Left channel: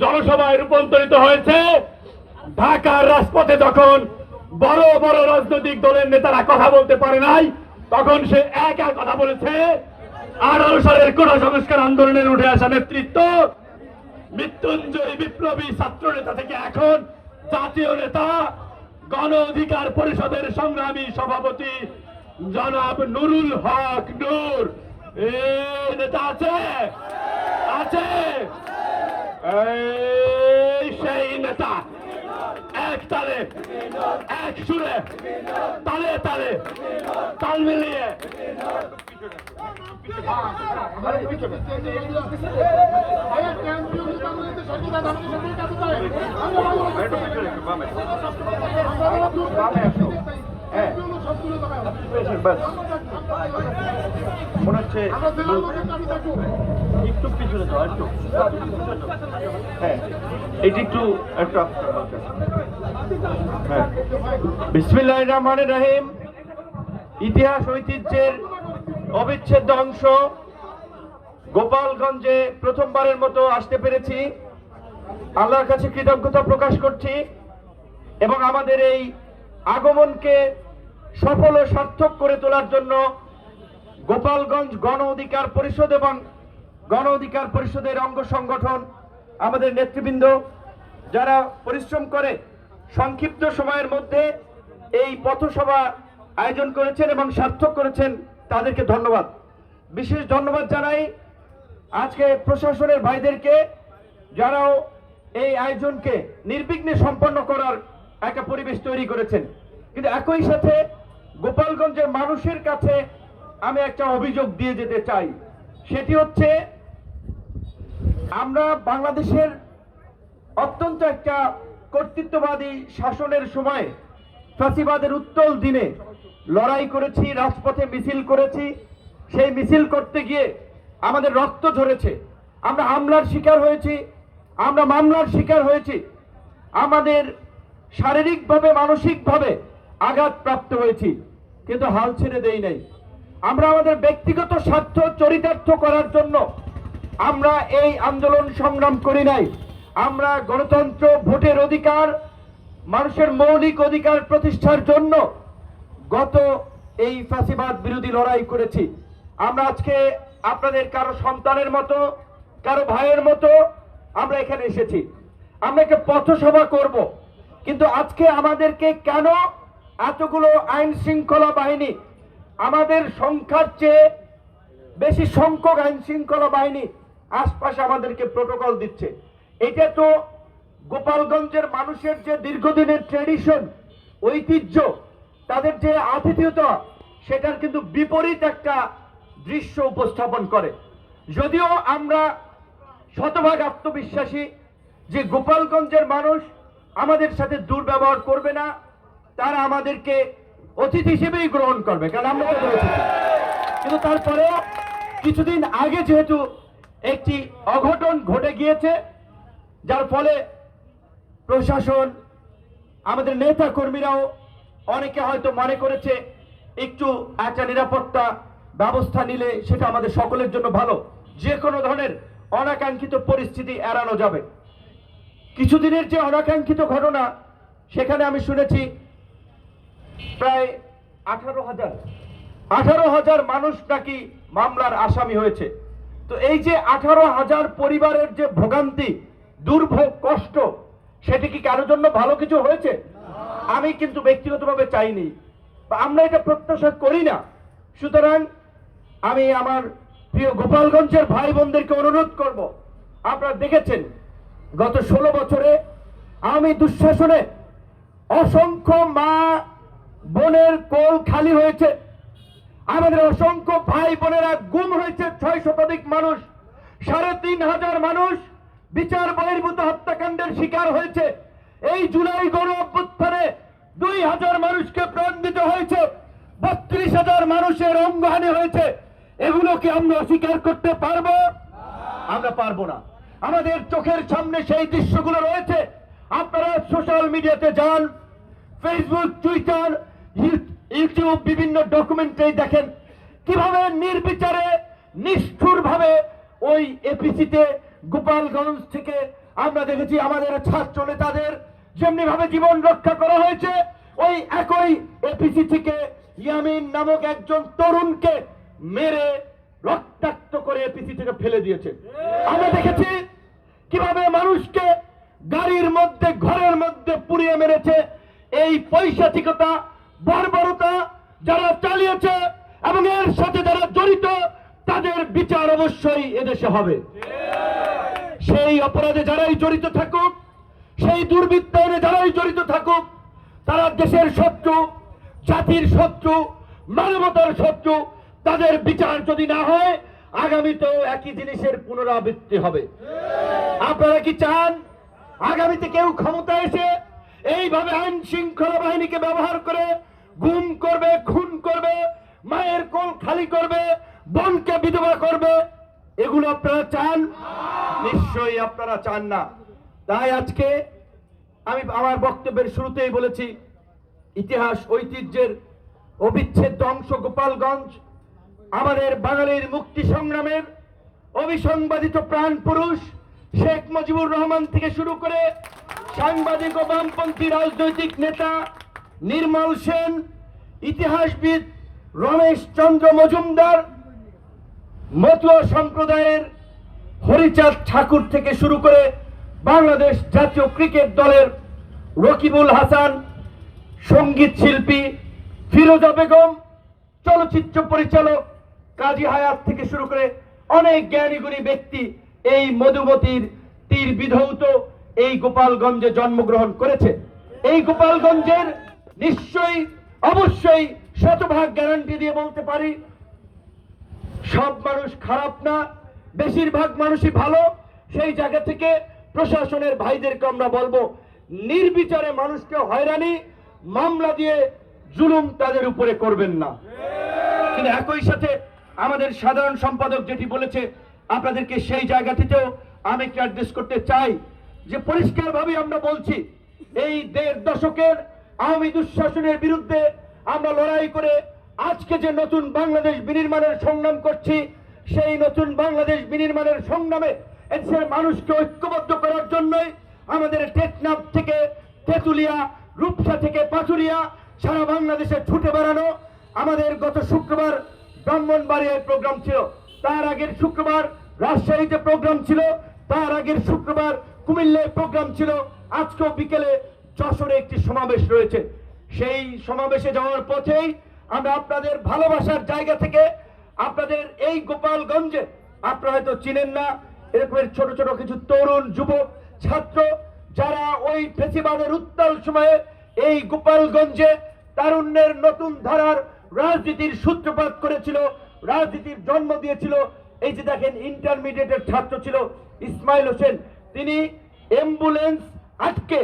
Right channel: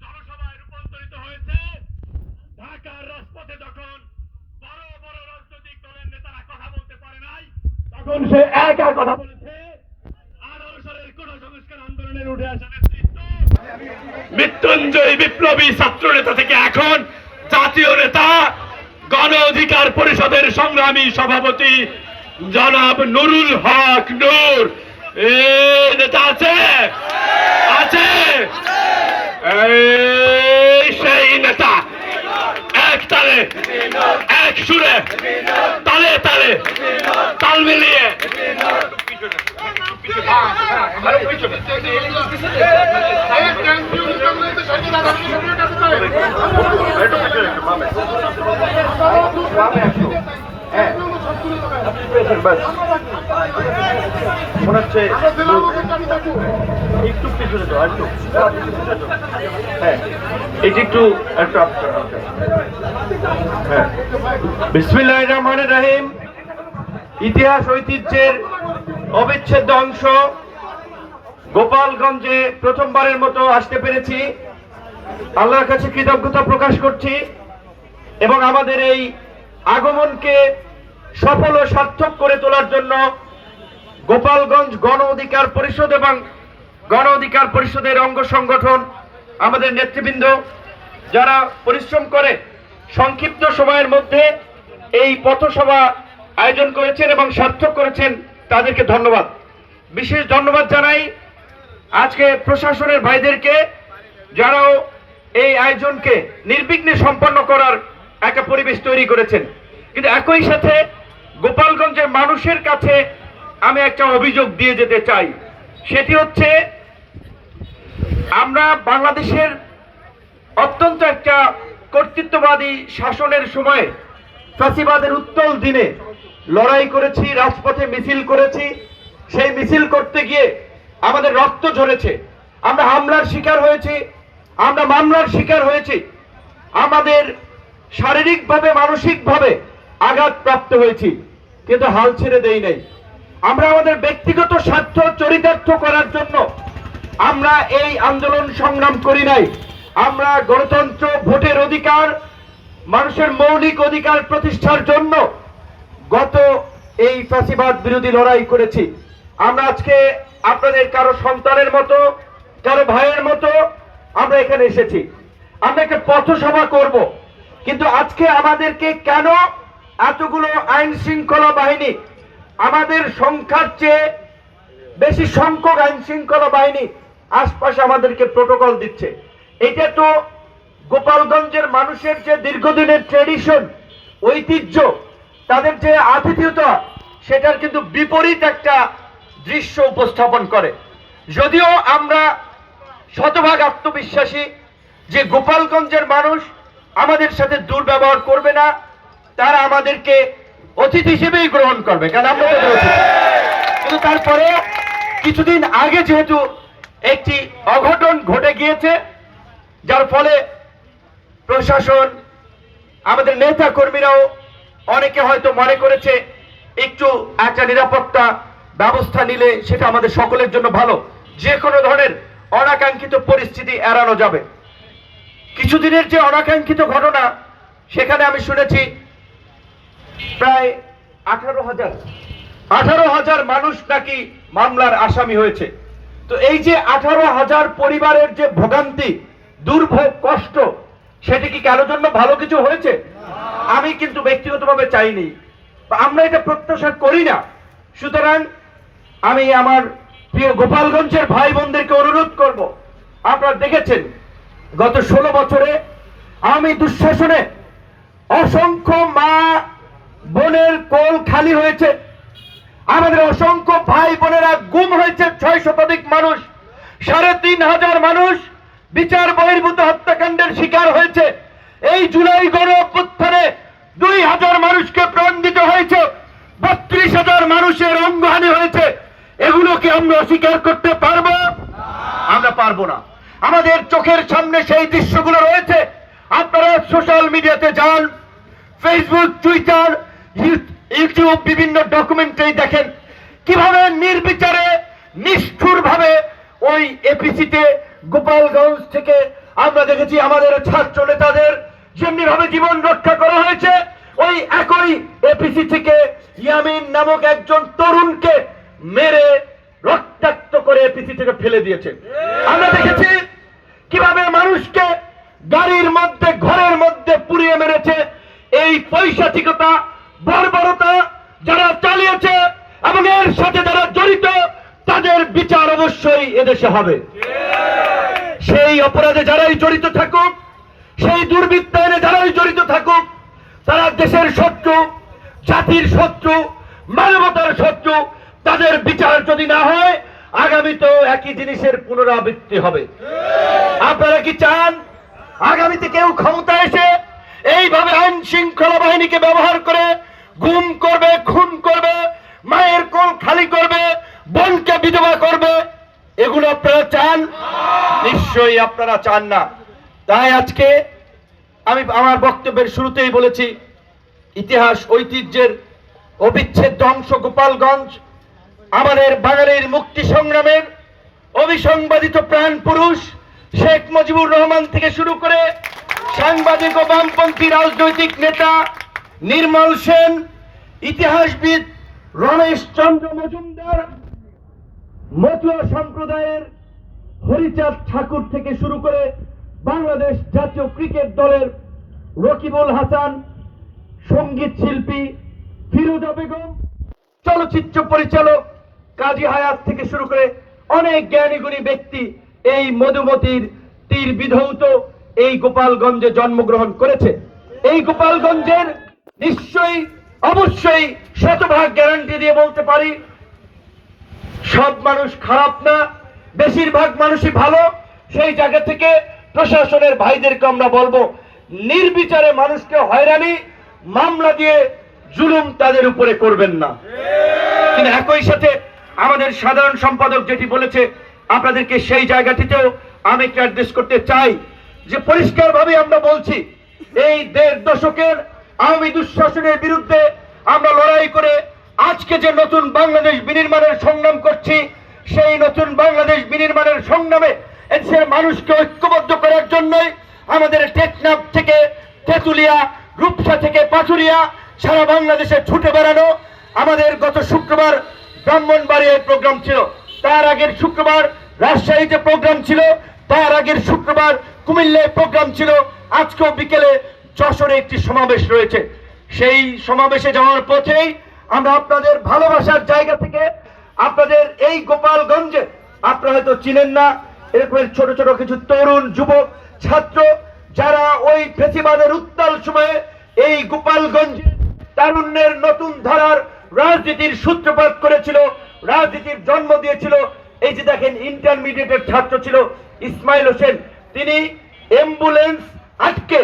জনসভায় রূপান্তরিত হয়েছে। ঢাকার রাজপথে যখন বড় বড় রাজনৈতিক দলের নেতারা কথা বলতে পারে নাই, তখন সে একা কথা বলেছে। 18 সালের কোটা সংস্কার আন্দোলনের উঠে আসা নেতৃত্ব, মৃত্যুঞ্জয়ী বিপ্লবী ছাত্র নেতা থেকে এখন জাতীয় নেতা, গণ অধিকার পরিষদের সংগ্রামী সভাপতি জনাব নুরুল হক নূর নেতা আছে আছে সেই নেতা এক তালে এক সুরে তালে তালে তাল মিলিয়ে মনে হচ্ছে একটু পিছনে তো একটু এটি একটু বিসমিল্লাহির রহমানির রহিম। ইতিহাস ঐতিহ্যের অবিচ্ছেদ্য অংশ গোপালগঞ্জে প্রথমবারের মতো আসতে পেরেছি। আল্লাহর কাছে কৃতজ্ঞতা প্রকাশ করছি এবং আমাদের এই আগমনকে সফল ও সার্থক করে তোলার জন্য গোপালগঞ্জ গণ অধিকার পরিষদ এবং গণ অধিকার পরিষদের অঙ্গ সংগঠন, আমাদের নেতৃবৃন্দ যারা পরিশ্রম করে সংক্ষিপ্ত সময়ের মধ্যে এই পথসভা আয়োজন করেছেন এবং সার্থক করেছেন, তাদেরকে ধন্যবাদ। বিশেষ ধন্যবাদ জানাই আজকে প্রশাসনের ভাইদেরকে, যারাও এই আয়োজনকে নির্বিঘ্নে সম্পন্ন করার একটা পরিবেশ তৈরি করেছেন। কিন্তু একই সাথে গোপালগঞ্জের মানুষের কাছে আমি একটা অভিযোগ দিয়ে যেতে চাই। সেটি হচ্ছে, আমরা বাংলাদেশের অত্যন্ত একটা কর্তৃত্ববাদী শাসনের সময় ফ্যাসিবাদের উত্তল দিনে লড়াই করেছি, রাজপথে মিছিল করেছি। সেই মিছিল করতে গিয়ে আমাদের রক্ত ঝরেছে, আমরা হামলার শিকার হয়েছি, আমরা মামলার শিকার হয়েছি, আমাদের শারীরিকভাবে মানসিকভাবে আঘাত প্রাপ্ত হয়েছি, কিন্তু হাল ছেড়ে দেই নাই। আমরা আমাদের ব্যক্তিগত স্বার্থ চরিতার্থ করার জন্য আমরা এই আন্দোলন সংগ্রাম করি নাই। আমরা গণতন্ত্র, ভোটের অধিকার, মানুষের মৌলিক অধিকার প্রতিষ্ঠার জন্য গত এই ফ্যাসিবাদ বিরোধী লড়াই করেছি। আমরা আজকে আপনাদের কারো সন্তানের মতো, কারো ভাইয়ের মতো আমরা এখানে এসেছি। আমরা একটা পথসভা করব, কিন্তু আজকে আমাদেরকে কেন এতগুলো আইন শৃঙ্খলা বাহিনী, আমাদের সংখ্যার চেয়ে বেশি সংখ্যক আইন শৃঙ্খলা বাহিনী আশপাশে আমাদেরকে প্রোটোকল দিচ্ছে? এটা তো গোপালগঞ্জের মানুষের যে দীর্ঘদিনের ট্রেডিশন, ঐতিহ্য, তাদের যে আতিথেয়তা, সেটার কিন্তু বিপরীত একটা দৃশ্য উপস্থাপন করে। যদিও আমরা শতভাগ আত্মবিশ্বাসী যে গোপালগঞ্জের মানুষ আমাদের সাথে দুর্ব্যবহার করবে না, তারা আমাদেরকে অতিথি হিসেবেই গ্রহণ করবে, কারণ আমরা তাদের অতিথি। কিন্তু তারপরে কিছুদিন আগে যেহেতু একটি অঘটন ঘটে গিয়েছে, যার ফলে প্রশাসন, আমাদের নেতা কর্মীরাও অনেকে হয়তো মনে করেছে একটু একটা নিরাপত্তা ব্যবস্থা নিলে সেটা আমাদের সকলের জন্য ভালো, যে কোনো ধরনের অনাকাঙ্ক্ষিত পরিস্থিতি এড়ানো যাবে। কিছুদিনের যে অনাকাঙ্ক্ষিত ঘটনা, সেখানে আমি শুনেছি প্রায় 18,000 মানুষ নাকি মামলার আসামি হয়েছে। তো এই যে 18,000 পরিবারের যে ভোগান্তি, দুর্ভোগ, কষ্ট, সেটি কি কারোর জন্য ভালো কিছু হয়েছে? আমি কিন্তু ব্যক্তিগতভাবে চাইনি, আমরা এটা প্রত্যাশা করি না। সুতরাং আমি আমার প্রিয় গোপালগঞ্জের ভাই বোনদেরকে অনুরোধ করব, আপনারা দেখেছেন গত 16 বছরে আমি দুঃশাসনে অসংখ্য মা বোনের কোল খালি হয়েছে, আমাদের অসংখ্য ভাই বোনেরা গুম হয়েছে, 6 শতাধিক মানুষ, 3,500 মানুষ বিচার বহির্ভূত হত্যাকাণ্ডের শিকার হয়েছে। এই জুলাই গণ অভ্যুত্থানে 2,000 মানুষকে প্রাণ দিতে হয়েছে, 32,000 মানুষের অঙ্গহানি হয়েছে। এগুলো কি আমরা অস্বীকার করতে পারবো? আমরা পারবো না। আমাদের চোখের সামনে সেই দৃশ্যগুলো রয়েছে। আপনারা সোশ্যাল মিডিয়াতে যান, ফেসবুক, টুইটার, ইউটিউব, বিভিন্ন ডকুমেন্টারি দেখেন কিভাবে নির্বিচারে, নিষ্ঠুরভাবে ওই এপিসিতে গোপালগঞ্জ থেকে আমরা দেখেছি আমাদের ছাত্র নেতাদের যেমনি ভাবে জীবন রক্ষা করা হয়েছে, ওই একই এপিসি থেকে ইয়ামিন নামক একজন তরুণকে মেরে রক্তাক্ত করে এপিসি থেকে ফেলে দিয়েছে। আমরা দেখেছি কিভাবে মানুষকে গাড়ির মধ্যে ঘরের মধ্যে পুড়িয়ে মেরেছে। এই পৈশাচিকতা বর্বরতা যারা চালিয়েছে এবং এর সাথে যারা জড়িত তাদের বিচার অবশ্যই এদেশে হবে। সেই অপরাধে যারাই জড়িত থাকুক, সেই দুর্বৃত্তায়নে যারাই জড়িত থাকুক, তারা দেশের শত্রু, জাতির শত্রু, মানবতার শত্রু। তাদের বিচার যদি না হয় আগামীতেও একই জিনিসের পুনরাবৃত্তি হবে। আপনারা কি চান আগামীতে কেউ ক্ষমতা এসে এইভাবে আইন শৃঙ্খলা বাহিনীকে ব্যবহার করে গুম করবে, খুন করবে, মায়ের কোল খালি করবে, বোনকে বিধবা করবে? এগুলো আপনারা চান? নিশ্চয়ই আপনারা চান না। তাই আজকে আমি আমার বক্তব্যের শুরুতেই বলেছি, ইতিহাস ঐতিহ্যের অবিচ্ছেদ্য অংশ গোপালগঞ্জ আমাদের বাঙালির মুক্তি সংগ্রামের অবিসংবাদিত প্রাণ পুরুষ শেখ মুজিবুর রহমান থেকে শুরু করে সাংবাদিক ও বামপন্থী রাজনৈতিক নেতা নির্মল সেন, ইতিহাসবিদ রমেশ চন্দ্র মজুমদার, মতুয়া সম্প্রদায়ের হরিচাঁদ ঠাকুর থেকে শুরু করে বাংলাদেশ জাতীয় ক্রিকেট দলের রকিবুল হাসান, সঙ্গীত শিল্পী ফিরোজা বেগম, চলচ্চিত্র পরিচালক কাজী হায়াত থেকে শুরু করে অনেক জ্ঞানীগুণী ব্যক্তি এই মধুমতির তীর বিধৌত এই গোপালগঞ্জে জন্মগ্রহণ করেছে। এই গোপালগঞ্জের নিশ্চয়ই অবশ্যই শতভাগ গ্যারান্টি দিয়ে বলতে পারি সব মানুষ খারাপ না, বেশিরভাগ মানুষই ভালো। সেই জায়গা থেকে প্রশাসনের ভাইদেরকে আমরা বলবো, নির্বিচারে মানুষকে হয়রানি, মামলা দিয়ে জুলুম তাদের উপরে করবেন না। কিন্তু একই সাথে আমাদের সাধারণ সম্পাদক যেটি বলেছে, আপনাদেরকে সেই জায়গাটিতেও আমি একটু অ্যাড্রেস করতে চাই যে পরিষ্কারভাবে আমরা বলছি, এই 1.5 দশকের আওয়ামী দুঃশাসনের বিরুদ্ধে আমরা লড়াই করে আজকে যে নতুন বাংলাদেশ বিনির্মাণের সংগ্রাম করছি, সেই নতুন বাংলাদেশ বিনির্মাণের সংগ্রামে এদেশের মানুষকে ঐক্যবদ্ধ করার জন্যই আমাদের টেকনাফ থেকে তেঁতুলিয়া, রূপসা থেকে পাথুরিয়া সারা বাংলাদেশে ছুটে বেড়ানো। আমাদের গত শুক্রবার ব্রাহ্মণবাড়িয়ায় প্রোগ্রাম ছিল, তার আগের শুক্রবার রাজশাহীতে প্রোগ্রাম ছিল, তার আগের শুক্রবার কুমিল্লায় প্রোগ্রাম ছিল, আজকেও বিকেলে যশোরে একটি সমাবেশ রয়েছে। সেই সমাবেশে যাওয়ার পথেই আমরা আপনাদের ভালোবাসার জায়গা থেকে আপনাদের এই গোপালগঞ্জে, আপনারা হয়তো চিনেন না, এরকমের ছোট ছোট কিছু তরুণ যুবক ছাত্র যারা ওই ফেসিবাদের উত্তাল সময়ে এই গোপালগঞ্জে তারুণ্যের নতুন ধারার রাজনীতির সূত্রপাত করেছিল, রাজনীতির জন্ম দিয়েছিল। এই যে দেখেন, ইন্টারমিডিয়েটের ছাত্র ছিল ইসমাইল হোসেন, তিনি অ্যাম্বুলেন্স আটকে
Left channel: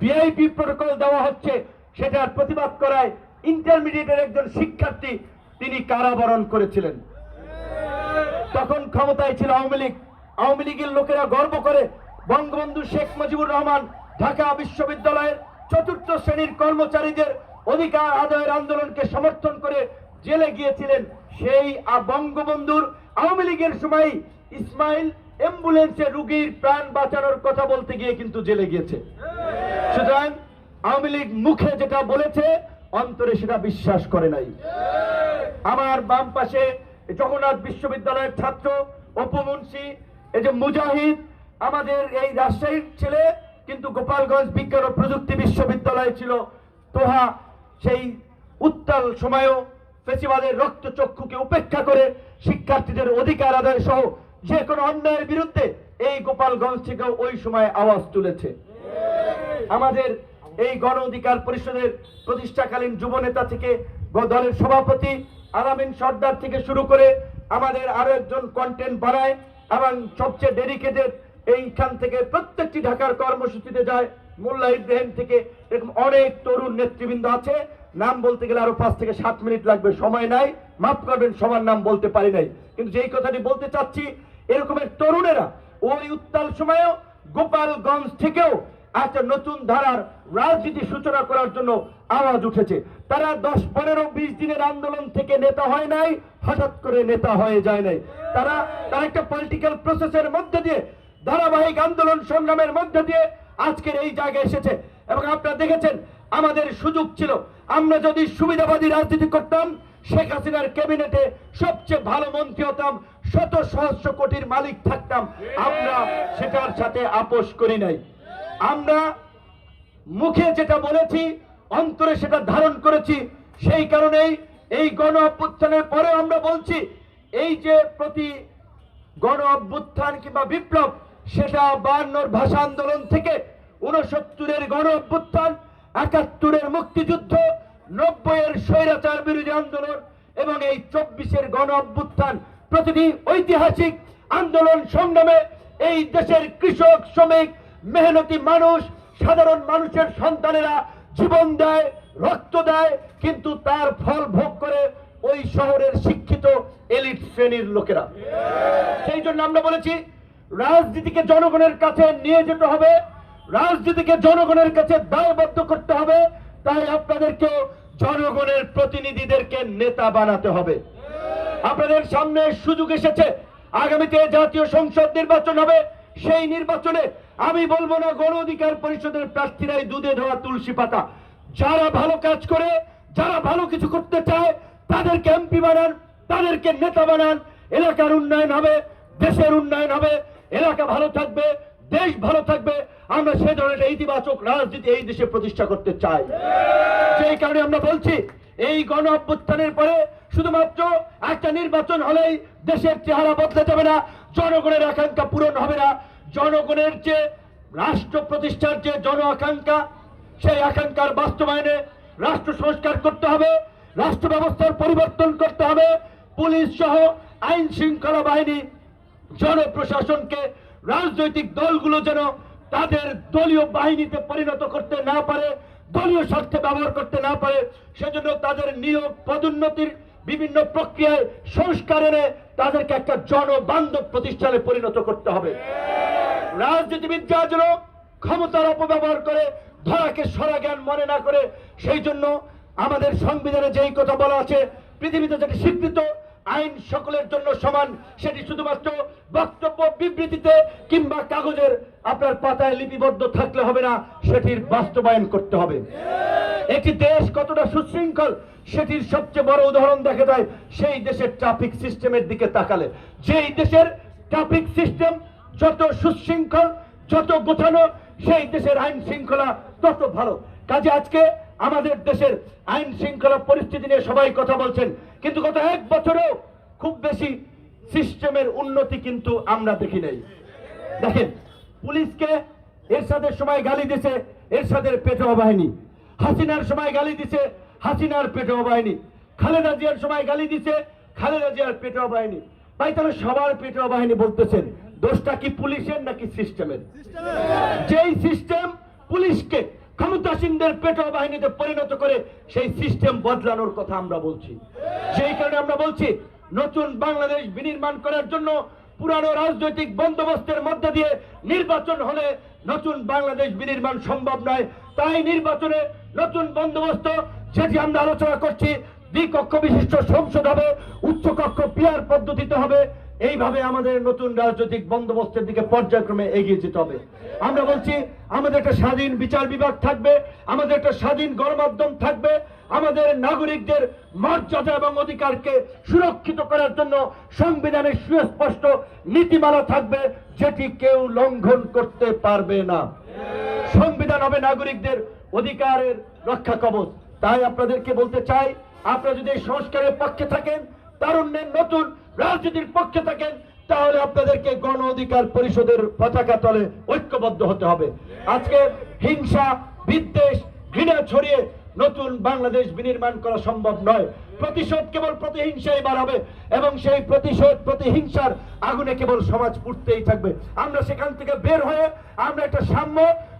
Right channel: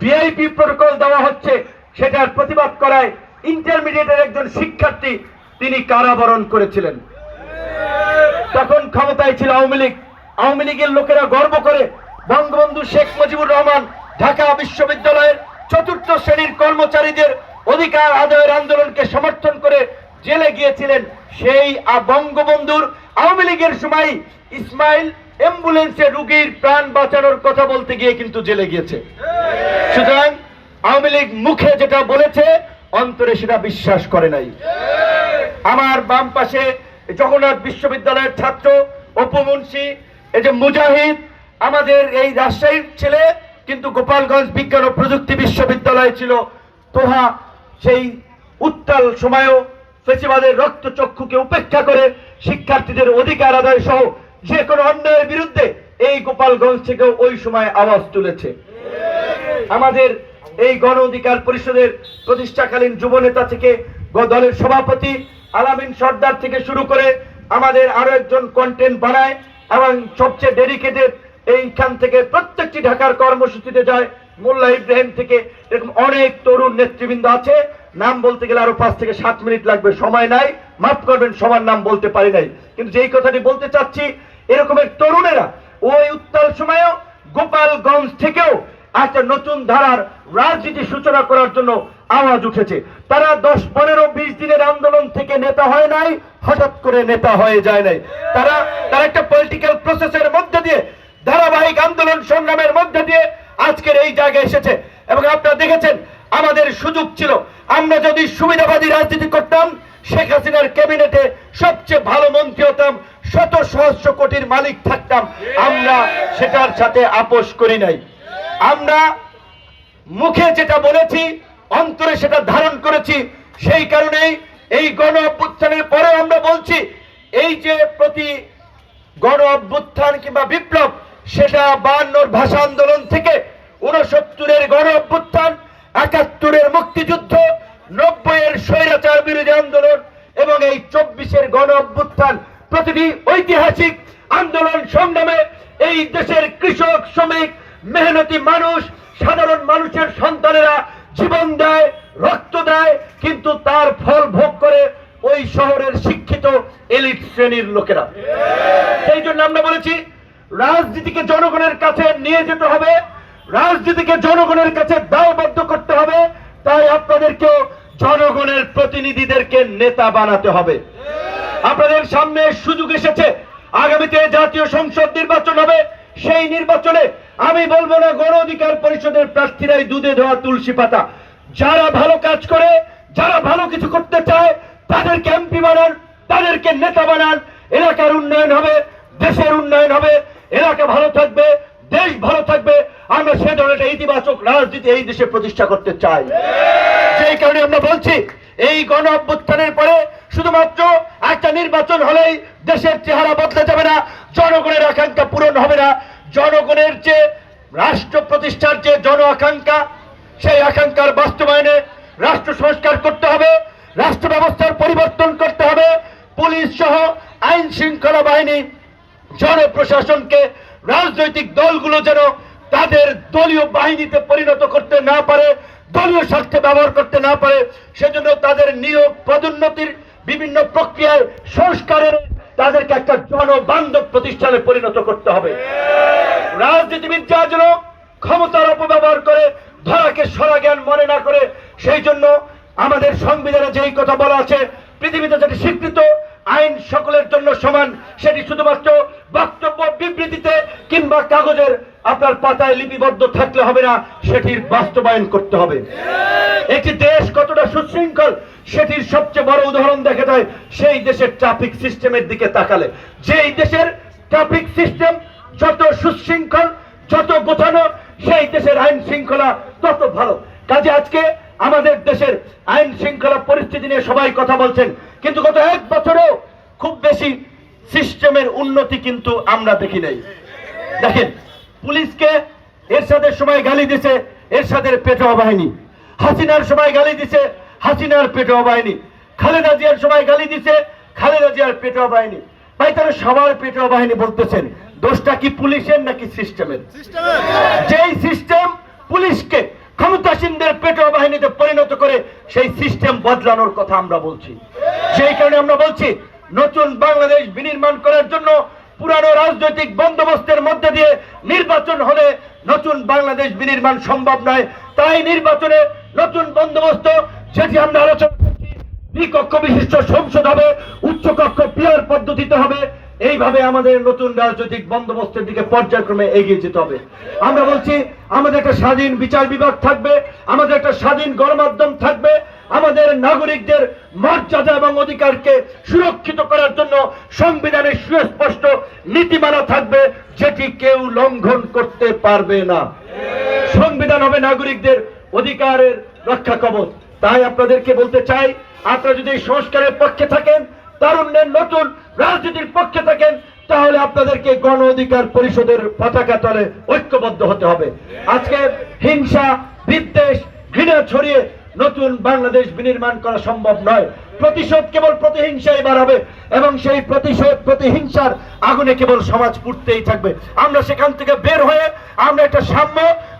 ভিআইপি প্রটোকল দেওয়া হচ্ছে সেটার প্রতিবাদ করায় ইন্টারমিডিয়েটের একজন শিক্ষার্থী তিনি কারাবরণ করেছিলেন। তখন ক্ষমতায় ছিল আওয়ামী লীগ। আওয়ামী লীগের লোকেরা গর্ব করে বঙ্গবন্ধু শেখ মুজিবুর রহমান ঢাকা বিশ্ববিদ্যালয়ের 4র্থ শ্রেণীর কর্মচারীদের অধিকার আদায়ের আন্দোলনকে সমর্থন করে জেলে গিয়েছিলেন। সেই বঙ্গবন্ধুর আওয়ামী লীগের সময় ইসমাইল অ্যাম্বুলেন্সে রোগীর প্রাণ বাঁচানোর কথা বলতে গিয়ে কিন্তু জেলে গিয়েছে। সুতরাং আওয়ামী লীগ মুখে যেটা বলেছে অন্তরে সেটা বিশ্বাস করে নাই। আমার বাম পাশে জগন্নাথ বিশ্ববিদ্যালয়ের ছাত্র অপু মুন্সি, এই যে মুজাহিদ, আমাদের এই রাজশাহীর ছেলে, কিন্তু গোপালগঞ্জ বিজ্ঞান ও প্রযুক্তি বিশ্ববিদ্যালয় ছিল। তোহা সেই উত্তাল সময়ও ফেসিবাদের রক্তচক্ষুকে উপেক্ষা করে শিক্ষার্থীদের অধিকার আদায় সহ যে কোনো অন্যায়ের বিরুদ্ধে এই গোপালগঞ্জ থেকে ওই সময় আওয়াজ তুলেছে। আমাদের এই গণ অধিকার পরিষদের প্রতিষ্ঠাকালীন যুব নেতা থেকে দলের সভাপতি আলামিন সর্দার থেকে শুরু করে আমাদের আরো একজন কন্টেন্ট বানায় এবং সবচেয়ে ডেডিকেটেড, এইখান থেকে প্রত্যেকটি ঢাকার কর্মসূচিতে যায়, মোল্লা ইব্রাহিম থেকে, এরকম অনেক তরুণ নেতৃবৃন্দ আছে। নাম বলতে গেলে আরো 5 থেকে 7 মিনিট লাগবে, সময় নাই, মাফ করবেন সবার নাম বলতে পারি নাই। কিন্তু যেই কথাটি বলতে চাচ্ছি, এরকমের তরুণেরা ওই উত্তাল সময়েও গোপালগঞ্জ থেকেও একটা নতুন ধারার রাজনীতি সূচনা করার জন্য আওয়াজ উঠেছে। তারা 10, 15, 20 দিনের আন্দোলন থেকে নেতা হয় নাই, হঠাৎ করে নেতা হয়ে যায় নাই। তারা একটা পলিটিক্যাল প্রসেসের মধ্যে দিয়ে ধারাবাহিক আন্দোলন সংগ্রামের মধ্যে দিয়ে আজকের এই জায়গায় এসেছে। এবং আপনারা দেখেছেন আমাদের সুযোগ ছিল, আমরা যদি সুবিধাবাদী রাজনীতি করতাম শেখ হাসিনার ক্যাবিনেটে সবচেয়ে ভালো মন্ত্রী হতাম, শত সহস্র কোটির মালিক থাকতাম। আমরা সেটার সাথে আপোষ করি নাই। আমরা মুখে যেটা বলেছি অন্তরে সেটা ধারণ করেছি। সেই কারণেই এই গণ অভ্যুত্থানের পরে আমরা বলছি এই যে প্রতি গণ অভ্যুত্থান কিংবা বিপ্লব, সেটা 52 ভাষা আন্দোলন থেকে 69-এর গণ অভ্যুত্থান, 71-এর মুক্তিযুদ্ধ, 90-এর স্বৈরাচার বিরোধী আন্দোলন এবং এই 24-এর গণ অভ্যুত্থান, প্রতিটি ঐতিহাসিক আন্দোলন সংগ্রামে এই দেশের কৃষক, শ্রমিক, মেহনতি মানুষ, সাধারণ মানুষের সন্তানেরা জীবন দেয়, রক্ত দেয়, কিন্তু তার ফল ভোগ করে ওই শহরের শিক্ষিত এলিট শ্রেণীর লোকেরা। সেই জন্য আমরা বলেছি রাজনীতিকে জনগণের কাছে নিয়ে যেতে হবে, রাজনীতিকে জনগণের কাছে দায়বদ্ধ করতে হবে। তাই আপনাদেরকেও জনগণের প্রতিনিধিদেরকে নেতা বানাতে হবে। আপনাদের সামনে সুযোগ এসেছে, আগামীতে জাতীয় সংসদ নির্বাচন হবে। সেই নির্বাচনে আমি বলবো না গণ অধিকার পরিষদের প্রার্থীরাই দুধে ধোয়া তুলসী পাতা। যারা ভালো কাজ করে, যারা ভালো কিছু করতে চায় তাদেরকে এমপি বানান, তাদেরকে নেতা বানান। এলাকার উন্নয়ন হবে, দেশের উন্নয়ন হবে, এলাকা ভালো থাকবে, দেশ ভালো থাকবে। আমরা সে ধরনের ইতিবাচক রাজনীতি এই দেশে প্রতিষ্ঠা করতে চাই। সেই কারণে আমরা বলছি এই গণ অভ্যুত্থানের পরে শুধুমাত্র একটা নির্বাচন হলেই দেশের চেহারা বদলে যাবে না, জনগণের আকাঙ্ক্ষা পূরণ হবে না। জনগণের যে রাষ্ট্র প্রতিষ্ঠার যে জন আকাঙ্ক্ষা, সেই আকাঙ্ক্ষার বাস্তবায়নে রাষ্ট্র সংস্কার করতে হবে, রাষ্ট্র ব্যবস্থার পরিবর্তন করতে হবে। পুলিশ সহ আইন শৃঙ্খলা বাহিনী, জনপ্রশাসনকে রাজনৈতিক দলগুলো যেন তাদের দলীয় বাহিনীতে পরিণত করতে না পারে, দলীয় স্বার্থে ব্যবহার করতে না পারে, সেজন্য তাদের নিয়োগ পদোন্নতির বিভিন্ন প্রক্রিয়ায় সংস্কারের তাদেরকে একটা জনবান্ধব প্রতিষ্ঠানে পরিণত করতে হবে। রাজনীতিবিদরা যেন ক্ষমতার অপব্যবহার করে ধরাকে সরা জ্ঞান মনে না করে, সেই জন্য আমাদের সংবিধানে যেই কথা বলা আছে, পৃথিবীতে যেটি স্বীকৃত আইন সকলের জন্য সমান, সেটি শুধুমাত্র বক্তব্য বিবৃতিতে কিংবা কাগজের আপনার পাতায় লিপিবদ্ধ থাকলে হবে না, সেটির বাস্তবায়ন করতে হবে। একটি দেশ কতটা সুশৃঙ্খল সেটির সবচেয়ে বড় উদাহরণ দেখা যায় সেই দেশের ট্রাফিক সিস্টেমের দিকে তাকালে। যেই দেশের ট্রাফিক সিস্টেম যত সুশৃঙ্খল, যত গোছানো, সেই দেশের আইন শৃঙ্খলা তত ভালো। কাজে আজকে আমাদের দেশের আইন শৃঙ্খলা পরিস্থিতি নিয়ে সবাই কথা বলছেন, কিন্তু গত 1 বছরেও খুব বেশি সিস্টেমের উন্নতি কিন্তু আমরা দেখি নাই। দেখেন, পুলিশকে এরশাদের সময় গালি দিছে এরশাদের পেটোয়া বাহিনী, হাসিনার সময় গালি দিছে হাসিনার পেটোয়া বাহিনী, খালেদা জিয়ার সময় গালি দিছে খালেদা জিয়ার পেটোয়া বাহিনী। ভাই, তারা সবার পেটোয়া বাহিনী বলতেছেন, দোষটা কি পুলিশের নাকি সিস্টেমের? যেই সিস্টেম পুলিশকে ক্ষমতাসীনদের পেটোয়া বাহিনীতে পরিণত করে, সেই সিস্টেম বদলানোর কথা আমরা বলছি। সেই কারণে আমরা বলছি নতুন বাংলাদেশ বিনির্মাণ করার জন্য পুরানো রাজনৈতিক বন্দোবস্তের মধ্যে দিয়ে নির্বাচন হলে নতুন বাংলাদেশ বিনির্মাণ সম্ভব নয়। তাই নির্বাচনে নতুন বন্দোবস্ত যেটি আমরা আলোচনা করছি, দ্বিকক্ষ বিশিষ্ট সংসদ হবে, উচ্চকক্ষ পিয়ার পদ্ধতিতে হবে। এইভাবে আমাদের নতুন রাজনৈতিক বন্দোবস্তের দিকে পর্যায়ক্রমে এগিয়ে যেতে হবে। আমরা বলছি আমাদের একটা স্বাধীন বিচার বিভাগ থাকবে, আমাদের একটা স্বাধীন গণমাধ্যম থাকবে, আমাদের নাগরিকদের মর্যাদা এবং অধিকারকে সুরক্ষিত করার জন্য সংবিধানের সুস্পষ্ট নীতিমালা থাকবে, যেটি কেউ লঙ্ঘন করতে পারবে না। সংবিধান হবে নাগরিকদের অধিকারের রক্ষা কবচ। তাই আপনাদেরকে বলতে চাই, আপনারা যদি এই সংস্কারের পক্ষে থাকেন, তারুণ্যের নতুন রাজনীতির পক্ষে থাকেন, তাহলে আপনাদেরকে গণ অধিকার পরিষদের পতাকা তলে ঐক্যবদ্ধ হতে হবে। আজকে হিংসা, বিদ্বেষ, ঘৃণা ছড়িয়ে নতুন বাংলাদেশ বিনির্মাণ করা সম্ভব নয়। প্রতিশোধ কেবল প্রতিহিংসাই বাড়াবে এবং সেই প্রতিশোধ, প্রতিহিংসার আগুনে কেবল সমাজ পুড়তেই থাকবে। আমরা সেখান থেকে বের হয়ে আমরা একটা সাম্য,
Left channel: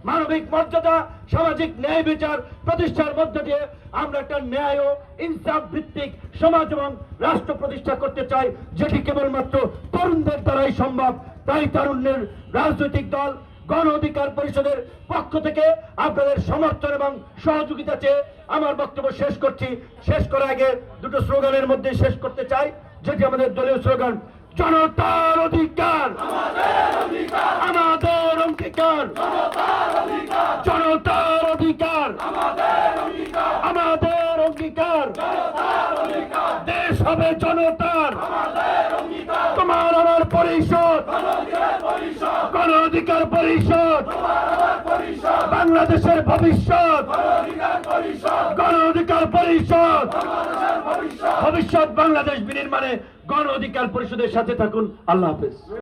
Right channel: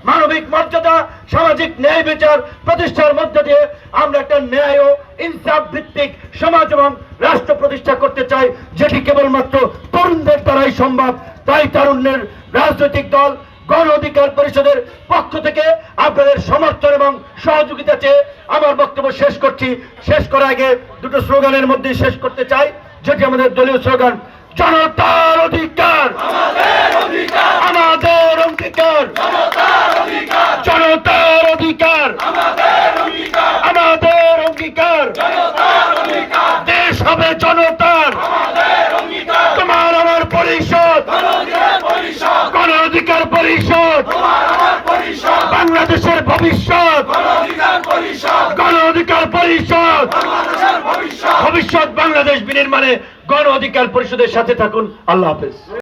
মানবিক মর্যাদা, সামাজিক ন্যায় বিচার প্রতিষ্ঠার মধ্য দিয়ে আমরা একটা ন্যায় ও ইনসাফ ভিত্তিক সমাজ এবং রাষ্ট্র প্রতিষ্ঠা করতে চাই, যেটি কেবলমাত্র তরুণদের দ্বারাই সম্ভব। তাই তারুণ্যের রাজনৈতিক দল গণ অধিকার পরিষদের পক্ষ থেকে আপনাদের সমর্থন এবং সহযোগিতা চেয়ে আমার বক্তব্য শেষ করছি। শেষ করার আগে দুটো স্লোগানের মধ্যে শেষ করতে চাই, যেটি আমাদের দলীয় স্লোগান, জনতার অধিকার, আমাদের অঙ্গীকার, জনতার অধিকার, আমাদের অঙ্গীকার, দেশ হবে জনতার, তোমার আমার পরিষদ, গণ অধিকার পরিষদ, বাংলাদেশের ভবিষ্যৎ, গণ অধিকার পরিষদ, ভবিষ্যৎ বাংলাদেশ বিনির্মাণে গণ অধিকার পরিষদের সাথে থাকুন। আল্লাহ হাফেজ।